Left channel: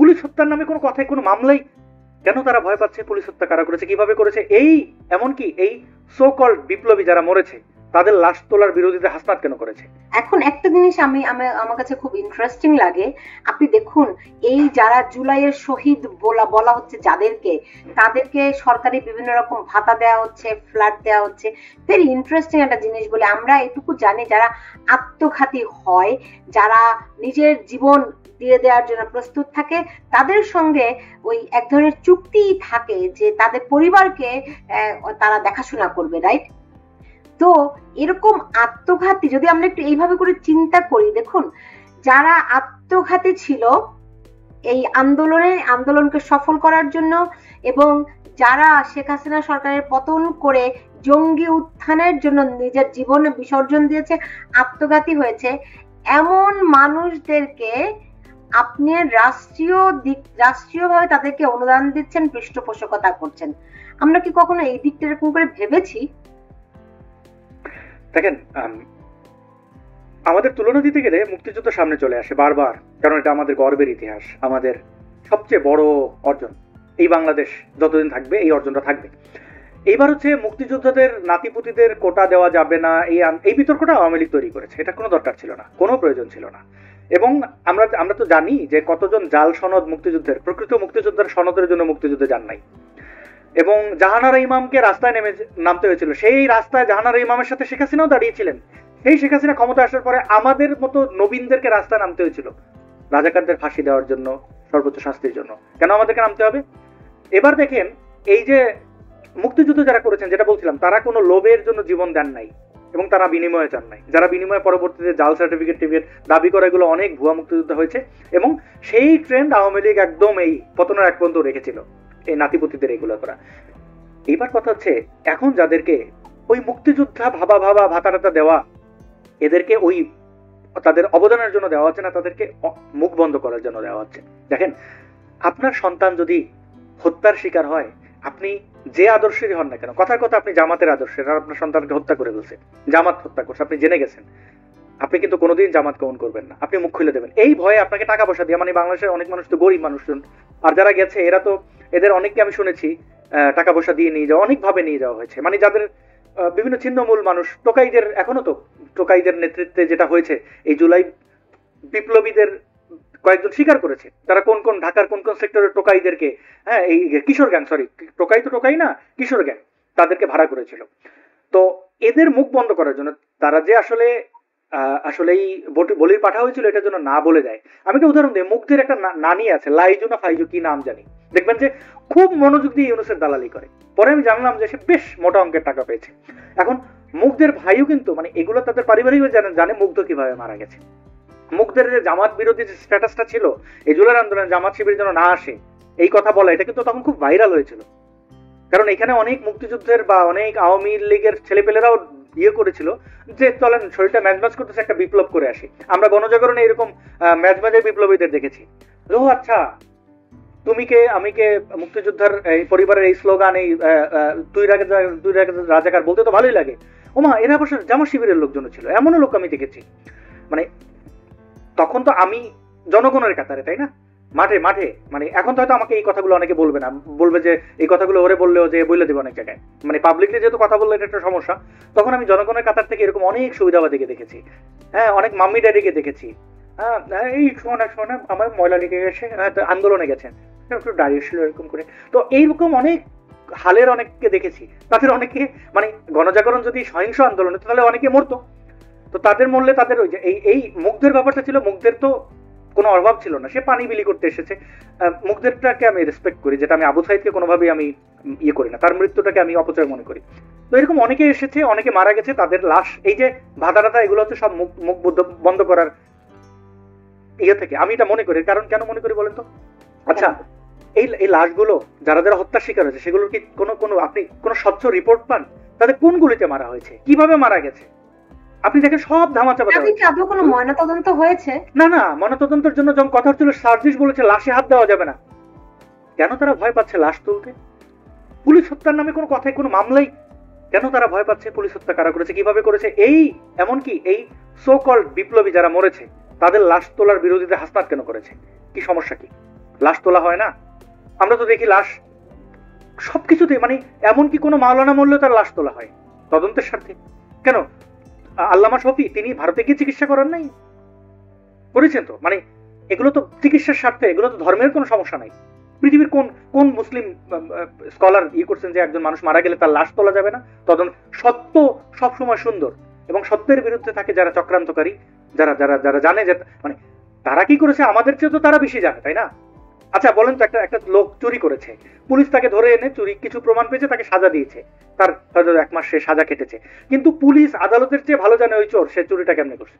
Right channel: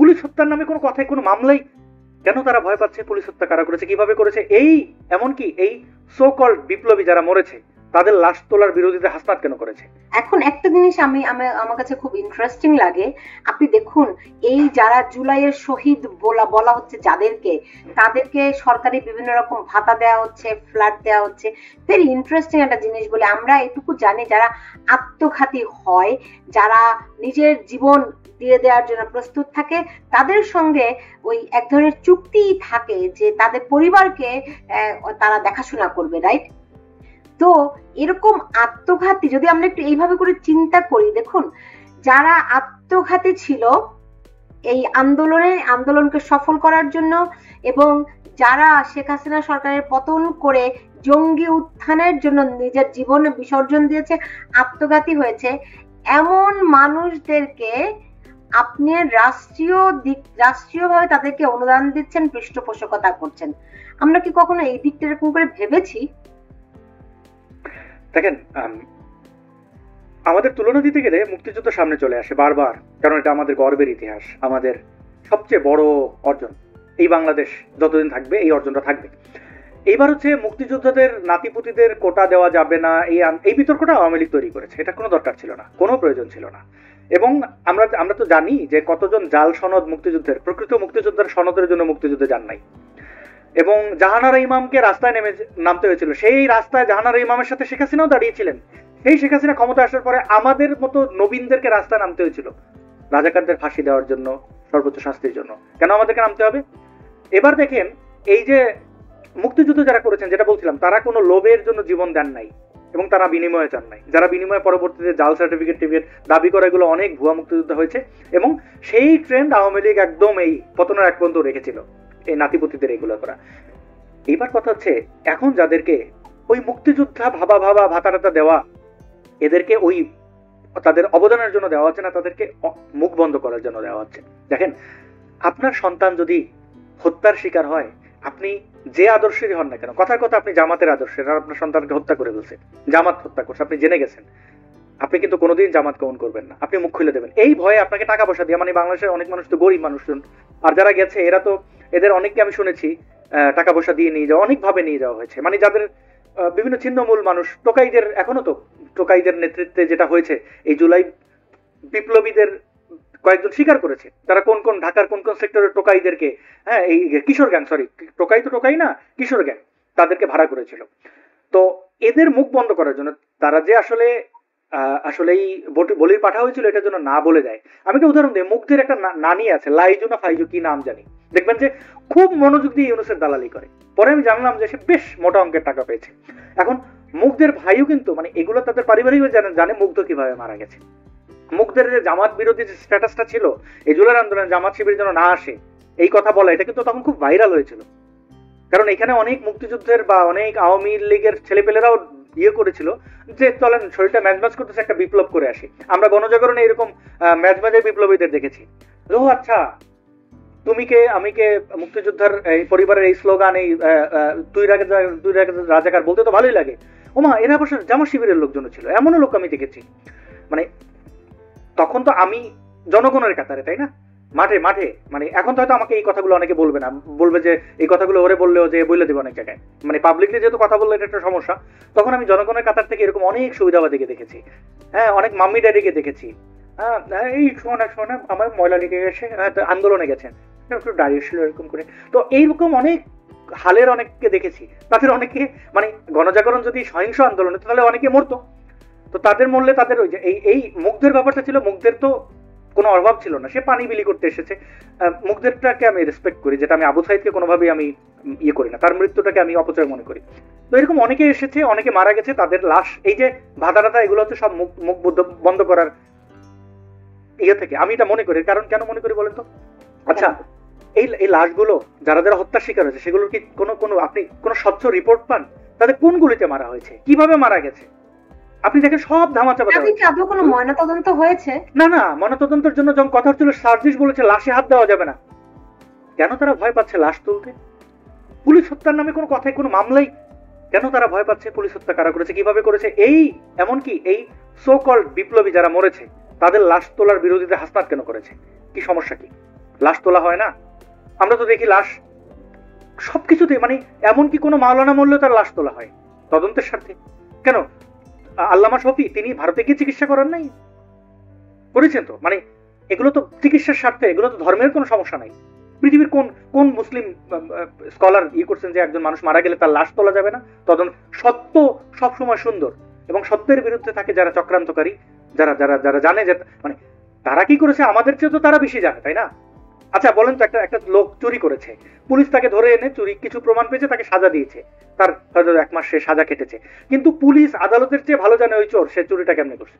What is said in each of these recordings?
Police হত্যার নামে কোনো কথায় কোনো মামলাই কেন তারা ভয় পাচ্ছে? পুলিশ হত্যা কারা করেছে, কিভাবে করেছে, এই এমনকি এই সো কল্ড বিপ্লবী যারা মরেছে তাদের লাশ তোলার বিরোধিতা হাসনাত কেন করেছে? এখন একটা জিনিস আমার কাছে খুব ইন্টারেস্টিং লাগে, আপনি দেখুন এই যারা জুলাইয়ের শহীদ বলা হচ্ছে যাদেরকে, তাদেরকে সরকারি বিভিন্ন রকম ভাতা দেওয়া হচ্ছে, ফ্ল্যাট দেওয়া হচ্ছে। ভেরি ইন্টারেস্টিং একটা জিনিস বলে আমরা এটুকু জানি, যারা আত্মঘাতী হয়, যারা নিজের জীবন দিয়ে দেওয়ার জন্য প্রস্তুত থাকে, তাদের সঙ্গে ওই এক ধরনের চুক্তি থাকে যে তাদের পরিবারকে তারা দেখাশোনা করবে, রাইট? তো এরকম আত্মঘাতী যদি আমরা একটু এইভাবে করে চিন্তা করি, দেখুন যারা আত্মঘাতী ছিল এই আন্দোলনকে সফল করার জন্য, এবং যারা শেখ হাসিনা সরকারের পতন করে জঙ্গি উত্থানের জন্য নিজের জীবন বিসর্জন দিয়েছে, আত্মঘাতী হয়েছে, এমন মানুষদেরকে আপনি রাষ্ট্রীয়ভাবে তাদেরকে অনুদান দিচ্ছেন, পৃষ্ঠপোষকতা করছেন। আমরা কি কখনো এই দিকটা এরকম করে ভেবেছি? দেখেন, আমাদের তুলনা দিতে গেলে মুক্তিযুদ্ধ সামনে চলে আসে বারবার, কারণ এটা আমাদের গর্বের ইতিহাস, আমাদের সবচেয়ে বড় অর্জন। এই বাংলাদেশ যতদিন থাকবে এই অর্জনটা থাকবে। এইবার হচ্ছে মুক্তিযোদ্ধাদের নাতিপুতিদের কোটা দেওয়া যাবে না, এই বিতর্কটা আওয়ামী লীগ তৈরি করেছে। এটা কোনো দরকার ছিল না, কোনো প্রয়োজন ছিল না। এবং আমরা তো জানি যে কতজন জাল সনদ মুক্তিযুদ্ধের, প্রকৃত মুক্তিযোদ্ধার সনদের জন্য মুক্তিযুদ্ধে যান নাই। এবং জাহানারা ইমামকে রাস্তায় নামতে হয়েছিল, সেই রাস্তায় জাহানারা ইমামের সাথে শেখ হাসিনাও দাঁড়িয়েছিলেন। সেই শেখ হাসিনা ক্ষমতা আসার পরে আমাদের মতো নবীনদেরকে রাস্তায় নামতে হয়েছিল রাজাকারদের ফাঁসি দেওয়ার জন্য, সর্বোচ্চ শাস্তির জন্য। কেন আমাদেরকে নামতে হবে? এবার দেখেন, এই যে মুক্তিযুদ্ধ যারা করেছেন, যেটা বলছিলাম, তারা কোনো লোভের জন্য জীবন দেন নাই এবং তারা বিনিময়ে চান নাই। যারা বিনিময়ে পরবর্তীতে জাল সার্টিফিকেট টিভির দাবি করা, এগুলো অনেক ভুয়া মুক্তিযুদ্ধ হয়েছে। এবং সেই ট্রেন্ড আওয়ামী লীগ একদম এই পতনের এক পর্যন্ত রেখেছিল, এই নাতিপুতিদের এগুলো করা। এইবার কথা হচ্ছে, এখন যাদেরকে ওই মুক্তিযোদ্ধা ভাবা ভাতা দেওয়া, এদেরকে ওই তাদের অবদানের জন্য দেওয়া হচ্ছে না, তাদেরকে মুখ বন্ধ করার জন্য দেওয়া হচ্ছে। দেখেন, আপনার সন্তান যদি হত্যার শিকার হয়, আপনি যে আদর্শেরই হন না কেন, কথার কথা আপনি জামাতের আদর্শের, আর আপনার সন্তানকে হত্যা করে ফেলছে, জামাত হত্যা করছে, আপনি জেনে গেছেন, আপনি কিন্তু কোনোদিন জামাত গ্রহণ করবেন না, আপনি মুখ খুলে দেবেন। এই ভয়ে আপনাকে টাকা পয়সা দিয়ে, মানে বাংলাদেশের অনেক মানুষ তো গরিব মানুষজন, আর যারা গেছে এরা তো, এদের অনেককে আমি শুনেছি টাকা পয়সা দিয়ে নিয়ে যাওয়া, অনেকভাবে নিয়ে যাওয়া হয়েছে। মানে যাদের বিভিন্ন ছিন্নমূল মানুষ, টোকাইদের, এখনো তো টোকাইদের নেতৃত্বে যেটা হয়েছে, এই জুলাই বিপ্লবীদের কয়েকজন স্বীকার করেছে তারা কোন কোন ঢাকার কোন কোন সেক্টরের টোকাইদেরকে, হ্যাঁ, এই কিশোর গ্যাং, সরি টোকাই তো টোকাই না, কিশোর গ্যাং, তাদেরকে ভাড়া করেছিল। তো এদের মুখ বন্ধ করার জন্য তারা যে আসলেই বলির পাঠা হয়েছিল, এটার জন্য না বলে দেয়। আমি একটা উদাহরণ দিই, মুগ্ধের একটা নানি আছে, লাইজু না ফাইজু কি নাম জানি, দেখবেন যে খুব মনোযোগ দিয়ে ইউনুসের দালালি করে। পরে আমি জানলাম যে সে বেশ মোটা অঙ্কের টাকা পেয়েছে। এখন মুগ্ধের ভাইও কিন্তু, মানে এগুলো তাদের পারিবারিক জানে মুগ্ধ কিভাবে মারা গেছে। মুগ্ধের যে জামাত বিরোধী যে স্ট্যাটাসটা ছিল, এই জুলাই আন্দোলনে জামাত শিবির যেন না আসে এই কথা বলা, এটা কিন্তু তখন খুব ভাইরাল হয়েছিল। কারণ এখানে অনেক মুক্তিযুদ্ধের বা অনেক আওয়ামী লীগের ছেলেপেলেরাও ইয়ে করেছিল যে চলেন শরীরটা ম্যাজম্যাজ করতেছে, একটা বিপ্লব করে আসি। আমরা গণজাগরণে এরকম ম্যাজম্যাজের বিপ্লবীদের দেখেছি। ও আচ্ছা, তুমি কে আমি কে, মুক্তিযোদ্ধার এই পরিবারের এই স্লোগান, এই তুই রাজাকার বলতে তো ভালোই লাগে। ওমা, এরা অবশ্য জামা শিবিরের লোকজন ছিল, এমনও লোক আমি দেখেছি। মানে তখন তো আমি জনগণের কাতারে, তাই না, মাঠে মাঠে, মানে এখন তো হয়তো আমাকে এই কথাগুলো অনেকে বলবে না, বলবে যে এই কথাগুলো ওরে বললেও যে বলে দেবে অনেক জায়গায়, মানে পাবলিকলি যেহেতু কথা বললে এটা একটা সমস্যা। তখন আমি জনগণের কাতার থেকে এরকম অনেক সুবিধাবাদীকে দেখেছি, হ্যাঁ, অনেক মাম্মি ড্যাডিকে দেখেছি, এই শোনা আমার ময়লা লেগে গেছে, আন্দোলনে গেছেন, একটু দাঁড়িয়েছিল এরকম করে। তো এইরকম অনেক হালের অনেককে দেখেছি। তাদের অনেকে, মানে গণজাগরণ যদি সহিংস আন্দোলনে, তাহলে অনেকে মরতো। তো তাদের মরলে তাদের ওই যে এই মুগ্ধের ব্যাপারটা ছিল, মুগ্ধের তো কোনো অভাব ছিল না, সে পানি বিলি করতে এসেছে। মুগ্ধেরটাকে আমি রেসপেক্ট করি, যেটা আমি আবু সাইদকে কোনোভাবেই আমি ইয়ে করি না, তার মৃত্যুটাকে আমি অপচয় মনে করি। তো এরকম অনেকে এসেছে, অনেকে মারা গেছে, তাদের লাশ, এই যে ভাতা টাতা, এগুলো হচ্ছে সব মুখ বন্ধ করার ইয়ে থেকে আমি এটা মনে করি। কারণ কেন মনে করি বলেন তো? আচ্ছা, এই লাশগুলো যারা যারা হত্যার শিকার হয়েছে, সেগুলোর কি কোনো আপনি কোনো স্বচ্ছ রিপোর্ট পান? তাদের কোন গুলিতে মারা হয়েছে, কিভাবে মারা গেছে, আপনি দেখেন সব ধামাচাপা। কোনো ময়নাতদন্ত হয়েছে? না, ময়নাতদন্তের জন্য যখন কথা হচ্ছিল, সার্জিস বলেছে লাশে হাত দেওয়া যাবে না। কেন তারা ভয় পাচ্ছে লাশ তুলতে? পুলিশ হত্যার নামে কোনো কথায় কোনো মামলাই কেন তারা ভয় পাচ্ছে? পুলিশ হত্যা কারা করেছে, কিভাবে করেছে, এই এমনকি এই সো কল্ড বিপ্লবী যারা মরেছে তাদের লাশ তোলার বিরোধিতা হাসনাত কেন করেছে? কি সমস্যা কি? লাশ তোলা হয় না? আমরা তো দেখি লাশ সবকিছুতে, মানে এমনকি কোনো মাওলানা মরলেও তার লাশ তোলা হয় তদন্তের স্বার্থে। কেন আল্লামা শফি তিনি ভারতে গিয়ে চিকিৎসা করেন নাই? করেছেন তো। মানে এগুলো তো চিকিৎসার স্বার্থে, এগুলো তো ধর্মের কোনো সমস্যা নাই। পৃথিবীর কোন কোন মুসলিম স্কলার করছেন যে একজন মানুষ মারা গেলে তার লাশ তোলা যাবে না? তদন্ত সত্য সবসময় সুন্দর, এবং সত্যের বিরুদ্ধে থাকে যারা চক্রান্তকারী, যারা যারা যারা জানে যে মানে তারা কি করেছে আমাদের চেয়ে তো তারা বেশি জানে, তাই না? আচ্ছা বলেন তো, একটা লোক চুরি করেছে, পুলিশ তাকে ধরে এনে চুরি কিছু প্রমাণ পেয়েছে, তাকে সাজা দিয়েছে, তার 1 মাস সে সাজা কেটেছে, কিন্তু পুলিশ আদালতের চেয়ে ভালো জানে ওই চোর সে চুরিটা কেমনে করছে।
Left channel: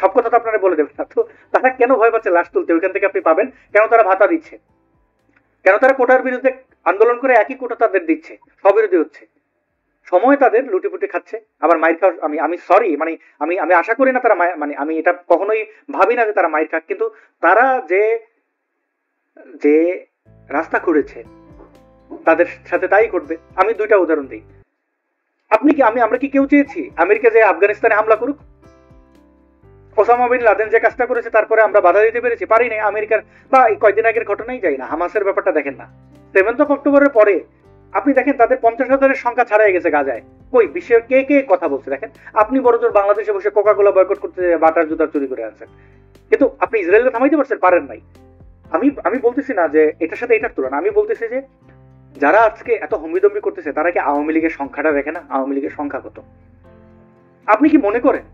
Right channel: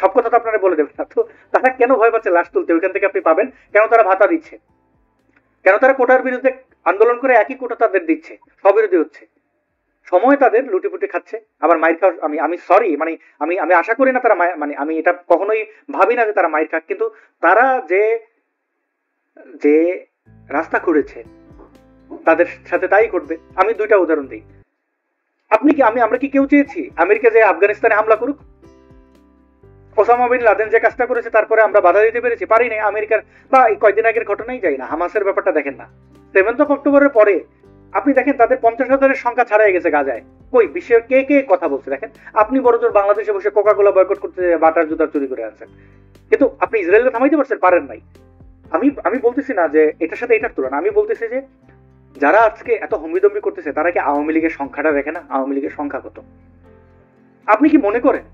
সব কথা তো আপনারা বলে দেবেন না। তো তারা কেন ভয় পাচ্ছে লাশ তুলতে? ওইখান থেকে আপনি পাবেন কেন তারা ভাতা দিচ্ছে, কেন তারা কোটার বিরুদ্ধে আন্দোলন করে একই কোটা তাদের দিচ্ছে, স্ববিরোধী হচ্ছে, সময় তাদের লুটিপুটি খাচ্ছে, আবার মাইর খাওয়া। আমি সরি, মানে আমি আশা করি না তারা মানে আমি এটা কখনোই ভাবি না যে তারা মাইর খাক, কিন্তু তারা যে যে রাস্তা খুঁড়েছে তাদের সাথে তাই করবে। আমি 2টা উদাহরণ দিই। আপনি কি আমরা কি কেউ চেয়েছি আমেরিকা যে আফগানিস্তানে হামলা করুক? ওসামা বিন লাদেন যে কাজটা করেছে তারপরে আমরা বাধা দিতে পেরেছি? পারি নাই। আমেরিকার বা কয়েকদিন আগের ঘটনাই যাই না, হামাসের ব্যাপারটা দেখেন না, 7th of অক্টোবরের পরে আপনি দেখেন তাদের 50,000-এর সংখ্যা ছাড়াই গেছে গাজায়। কই বিশ্বের কে কে কথা বলছে দেখেন? আপনি বড়জোর বাংলাদেশে বসে কোকা-কোলা বয়কট করতে বাটার জুতার চুরি করে আছেন, কিন্তু আপনি ইসরায়েলকে থামাইতে পারছেন? পারেন নাই। আমি বলতেছি না যে এটার সাথে এটার তুলনা, আমি বলতেছি যে যারা আজকে এত হম্বিদম্বি করতেছে তারা কি আওয়ামী লীগের সংখ্যাটা দেখে না? আওয়ামী লীগের সংখ্যা কত? আপনি কি মনে করেন,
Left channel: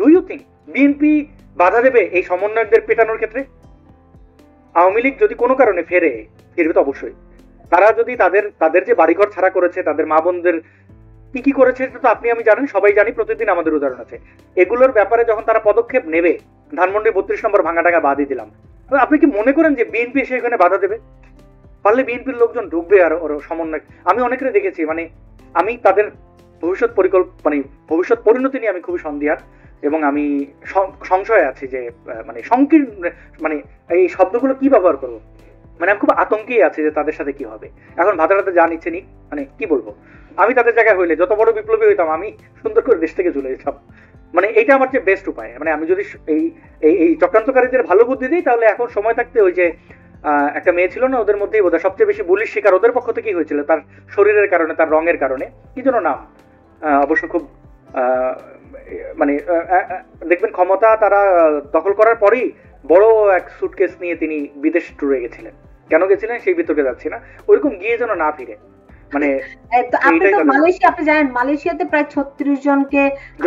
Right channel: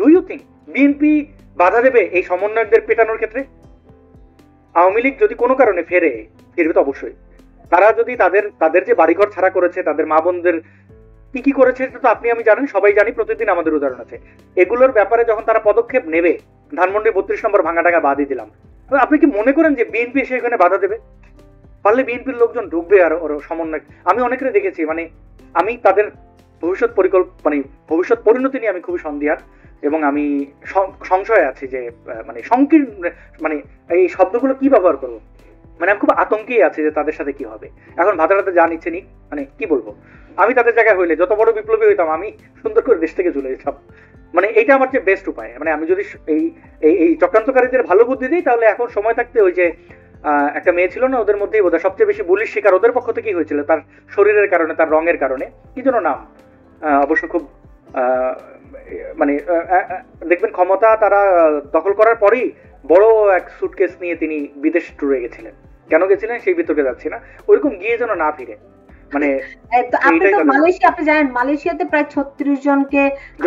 ডু ইউ থিঙ্ক বিএনপি বাধা দেবে এই সমন্বয়কদের পেটানোর ক্ষেত্রে? আওয়ামী লীগ যদি কোনো কারণে ফিরবে তো অবশ্যই। তারা যদি তাদের যে বাড়িঘর ছাড়া করেছে, তাদের মা বোনদের কি করেছে তো আপনি আমি জানেন, সবাই জানি, প্রতিদিন আমাদের উদাহরণ আছে। এগুলোর ব্যাপারে যখন তারা পদক্ষেপ নেবে, ধানমন্ডি 32 নম্বর ভাঙা টাকা বাদই দিলাম, আপনি কি মনে করেন যে বিএনপি সেখানে বাধা দেবে? পারলে বিএনপির লোকজন ঢুকবে আর ওর সমন্বয়। আমি অনেকের দেখেছি, মানে আমি তাদের ভবিষ্যৎ পরিণতি নিয়ে আমি খুবই সন্দিহান, এবং আমি সংশয়ে আছি যে মানে সংকীর্ণ, মানে এই শব্দগুলো কি ব্যবহার করবো, মানে আমি খুব আতঙ্কে আছি যে তাদের সাথে কি হবে। এখন ভাতারাতে যা নিচ্ছে নিক, মানে কি বলবো, আমি তাদের জায়গায় হইলে যত বড় বিপ্লবী হইতাম আমি সুন্দর করে দেশ থেকে চলে যেতাম। মানে এইটা আমার যে বেস্ট উপায়। মানে আমি যদি এই চক্রান্তকারীদের ভালো বুদ্ধি দিই, তাহলে এখন সময় থাকতে ওই যে একটা মেয়ে ছিল না ওদের মধ্যেই বোধহয় সবচেয়ে বেশি বুলির শিকার ওদের পক্ষ থেকেই হয়েছিল, তার শরীরের কারণে, তার রঙের কারণে, কি যেন নাম, অবশ্য খুব মানে দেখবেন ক্ষমতা তারা দখল করার পরেই বড় এক সুটকেস নিয়ে তিনি বিদেশ ট্যুরে গেছিলেন। কেন গেছিলেন সেই বিতর্কে যাচ্ছি না, ওইরকম গিয়ে যেন না ফিরে। মানে আপনি জানেন মালয়েশিয়াতে প্রায় 36 জনকে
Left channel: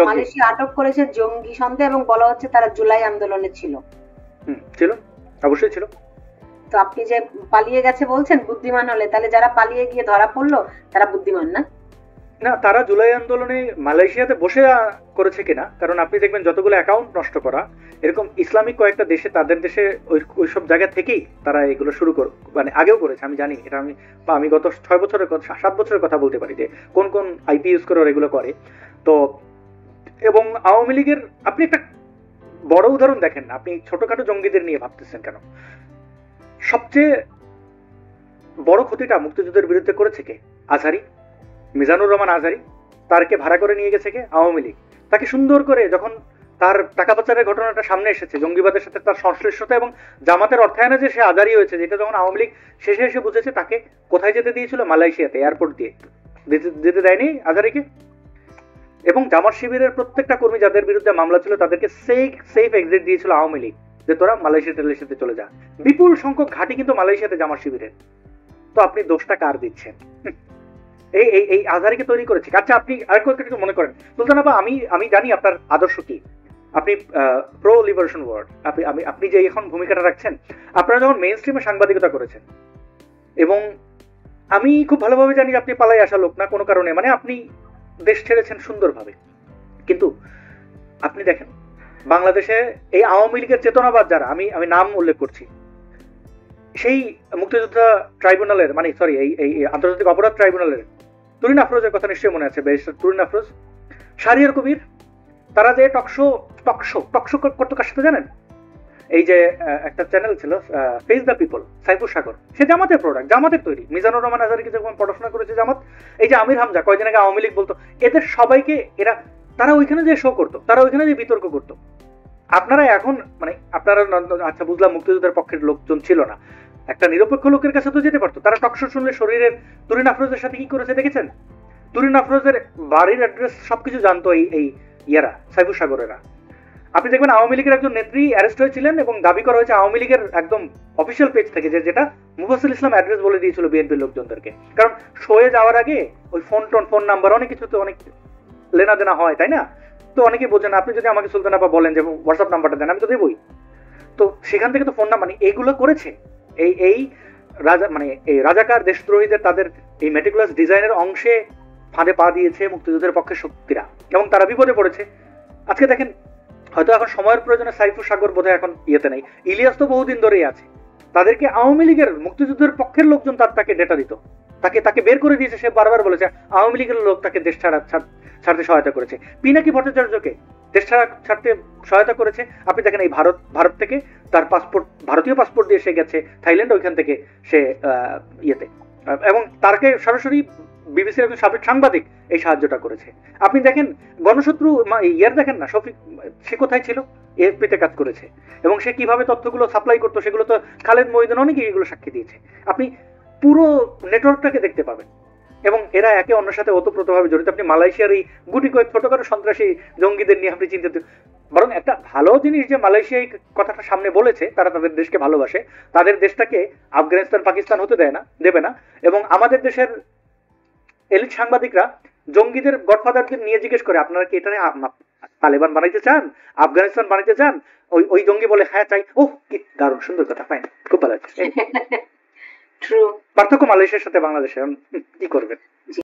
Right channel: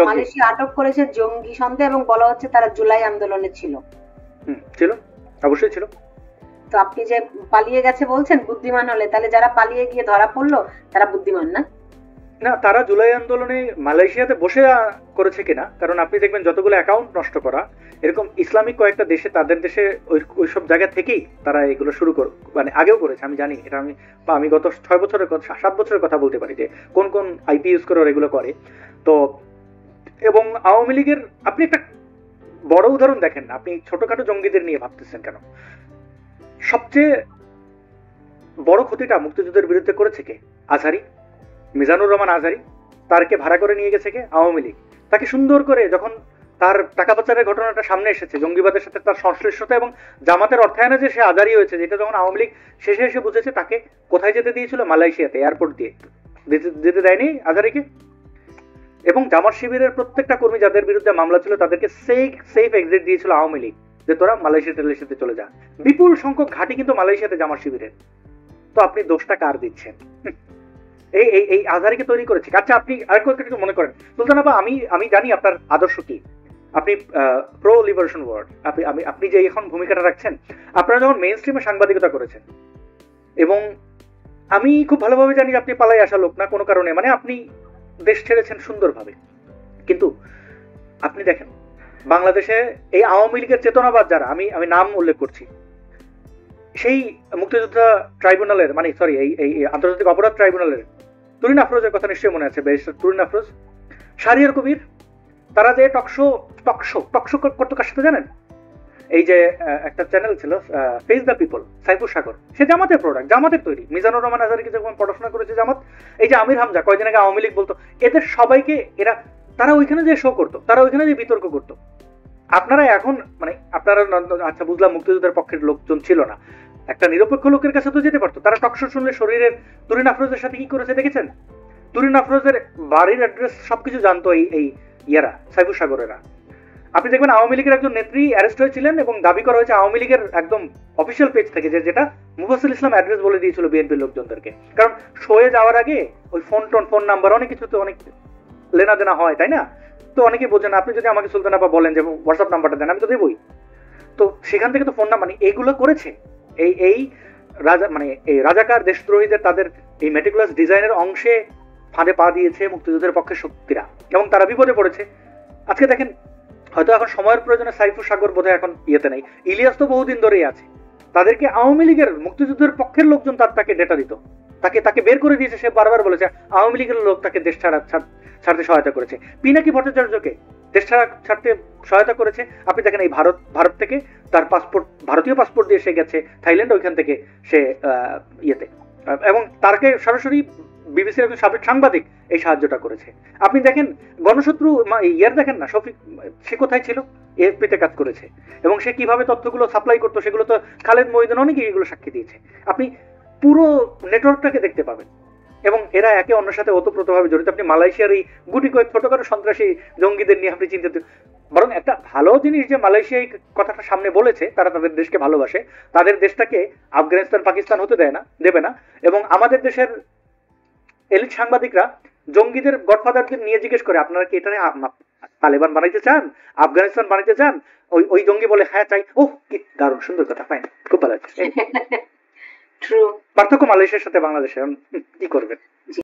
মালয়েশিয়া আটক করেছে জঙ্গি সন্দেহে, এবং বলা হচ্ছে তারা জুলাই আন্দোলনে ছিল। ছিল, অবশ্যই ছিল। তো আপনি যে পালিয়ে গেছে বলছেন বুদ্ধিমান হলে, তাহলে যারা পালিয়ে গিয়ে ধরা পড়লো তারা বুদ্ধিমান না? না, তারা জুলাই আন্দোলনে মালয়েশিয়াতে বসে করেছে কিনা, কারণ আপনি দেখবেন যতগুলো অ্যাকাউন্ট নষ্ট করা এরকম ইসলামিক কয়েকটা দেশে, তাদের দেশে ওইসব জায়গা থেকেই তারা এগুলো শুরু মানে আগেও করেছে। আমি জানি এটা, আমি গত 7 বছরের কথা বলতে পারি যে কোন কোন আইপি ইউজ করে এগুলো করে। তো এবং আওয়ামী লীগের আপনি একটা বড় উদাহরণ দেখেন না, আপনি ছোটখাটো জঙ্গিদের নিয়ে ভাবতেছেন কেন? সবচেয়ে বড় ক্ষতিটা মুক্তিযুদ্ধের বিরুদ্ধে করেছে কে? আজহারি, মিজানুর রহমান আজহারি। তারকে ভাড়া করে নিয়ে গেছে কে? আওয়ামী লীগ। তাকে সুন্দর করে যখন তার টাকা পাচারের ঘটনাটা সামনে এসেছে, জঙ্গিবাদের সাথে তার সংশ্লিষ্টতা এবং জামাতের অর্থায়নে যে সে আজারি হয়েছে, যেটা যখন আওয়ামী লীগ শেষে এসে বুঝেছে, তাকে কোথায় যেতে দিয়েছিল? মালয়েশিয়াতে, এয়ারপোর্ট দিয়ে যেতে দেয়নি আজারিকে। এবং জামাত শিবিরের প্রত্যেকটা কর্মী যাদের বিরুদ্ধে মামলা ছিল তাদেরকে সেফ এক্সিট দিয়েছিল আওয়ামী লীগ, যে তোরা মালয়েশিয়াতে চলে যা। বিপুল সংখ্যক ঘাঁটি কিন্তু মালয়েশিয়াতে জামাত শিবিরের। তো আপনি দোষটা কার দিচ্ছেন? এই আজারিকে তৈরি করেছে। আচ্ছা আপনি আরেকটু কিছু মনে করেন সুলতান আপা, আমি জানি আপনার আদর্শ কি, আপনি প্রো লিবারেশন ওয়ার্ড, আপনি যে এখন ভূমিকাটা রাখছেন, আপনারা যখন মেইন স্ট্রিমে সাংবাদিকতা করেছেন, এবং আমি খুব ভালোভাবে জানি আপনি পালাই আসা লোক না কোনো কারণে, মানে আপনি দেশ ছেড়েছেন সুন্দরভাবে, কিন্তু আপনি দেখেন বাংলাদেশে এই আওয়ামী লীগের চেতনাবাদ যারা, আমি নাম উল্লেখ করছি, সেই মুক্তিযোদ্ধা ট্রাইব্যুনালের, মানে সরি এই আন্তর্জাতিক অপরাধ ট্রাইব্যুনালের তুরিন আফরোজের কথা নিশ্চয়ই মনে আছে, ব্যারিস্টার তুরিন আফরোজ, শাহরিয়ার কবির, তারা যে টকশো করতো কার সাথে জানেন? এই যে একটা চ্যানেল ছিল ফেস দ্য পিপল, সাইফুর সাগর, সে জামাতের প্রোডাক্ট, জামাতের তৈরি। মিজানুর রহমান আজহারিকে যখন পড়াশোনা করেছে জামাত, এই যে আমির হামজা কয়েকদিন আগে আওয়ামী লীগ বলতো, এদের সবাইকে তারা ওইখানে যে শো করতো, তারা ওইখানে যে বিতর্ক করতো। আপনারা এখন মানে আপনারা আচ্ছা বুঝলাম মুক্তিযুদ্ধের পক্ষের লোকজন ছিল না, একটা নিরপেক্ষ লোকের কাছে তো যেতে পারতো। তারা টকশো শুনলে শরীরের তুরিন আফরোজের সাথে কি করেছে দেখেছেন? তুরিন আফরোজের বাড়ির অ্যাড্রেস সবকিছু জানতো এই ইয়ারা, সাইফুর সাগরেরা। আপনি দেখবেন আওয়ামী লীগের একজন নেত্রী অ্যারেস্ট হয়েছিলেন এবং দাবি করা হয়েছে আওয়ামী লীগের একদম অফিসিয়াল পেজ থেকে, যেটা মুফাসসিল ইসলাম অ্যাড্রেস বলে দিয়েছিল বিএনপির লোকজনদেরকে। কারণ শোয়ে যাওয়ার আগে ওই ফোন নাম্বার অনেক কিছু তো অনেক লেনা দেনা হয়, তাই না? তো অনেকে বোঝেন, আপনি যদি আমাকে সুলতান আপা বলেন যে হোয়াটসঅ্যাপ নাম্বারটা দেন, আমি তো দেবই। তো সেখান থেকে তো ফোন নাম্বার এইগুলো করেছে এই রাজা, মানে এই রাজাকার দেশদ্রোহীদের তাদের এই মেটিকুলাস ডিজাইনের অংশে ফাঁদে পা দিয়েছে মুক্তিযুদ্ধের পক্ষে শক্তিরা, এবং তারা বিপদে পড়েছে। আজকে দেখেন, হয়তো এখন সময়ের প্রয়োজনে সাইফুর সাগর বোধহয় এখন ইয়েতে নেই, ইলিয়াস তো বহুদিন ধরেই আছে। তাদেরকে আওয়ামী লীগের মুক্তিযুদ্ধের পক্ষের লোকজন তাকে ডেটা দিত, তাকে বের করে দিয়েছে। সে বারবার বলেছে আওয়ামী লীগের লোক তাকে দেশ ছাড়তে সহায়তা করেছে। পিনাকি ভট্টাচার্যকে দেশ ছাড়তে সহায়তা করেছে। আপনি দেখেন এই ভারত থেকে তার পাসপোর্ট, ভারতীয় পাসপোর্ট দিয়ে সে গেছে থাইল্যান্ড, ওইখান থেকে সে ইয়েতে, এবং তারকে সরাসরি বিবিসির একজন সাবেক সাংবাদিক এই সাহায্যটা করেছে। আপনি দেখেন গণশত্রু দেখেন না, সে কোথায় ছিল? এএফপিতে কাজ করেছে, এবং সে কিভাবে তথ্যগুলো সাপ্লাই করতো সেগুলো তো খালেদ মহিউদ্দিন অনেকে এগুলো সাক্ষী দিয়েছে। আপনি পুরো নেটওয়ার্কটাকে দেখতে পাবেন, এবং এরা একে অন্যের সাথে ওতপ্রোতভাবে জড়িত। আপনি মালয়েশিয়ার এই গুটি কয়েক ছোটখাটো সন্ত্রাসী জঙ্গিদের নিয়ে আপনি চিন্তিত। বরং একটা ভালো জিনিস যে মালয়েশিয়া এই কথাটা সামনে বলেছে, তারা তাদের দেশকে ভালোবাসে, তাদের দেশটাকে আফগানিস্তান পাকিস্তান হতে দেবে না। এবং আমাদের দেশের এলিট সাংবাদিকরা জঙ্গিদের গডফাদারকে নিয়ে জিজ্ঞেস করে, আপনারা কি এটা তালেবান বানাইতে চান, আফগানিস্তান বানাইতে চান? ওই জঙ্গি বলে হ্যাঁ চাই। ওহ, কি দারুণ সুন্দর কথা, ফাইন, খুব ভালো লাগছে। পার্থক্য মালয়েশিয়ার সাথে বাংলাদেশে, কি করবেন?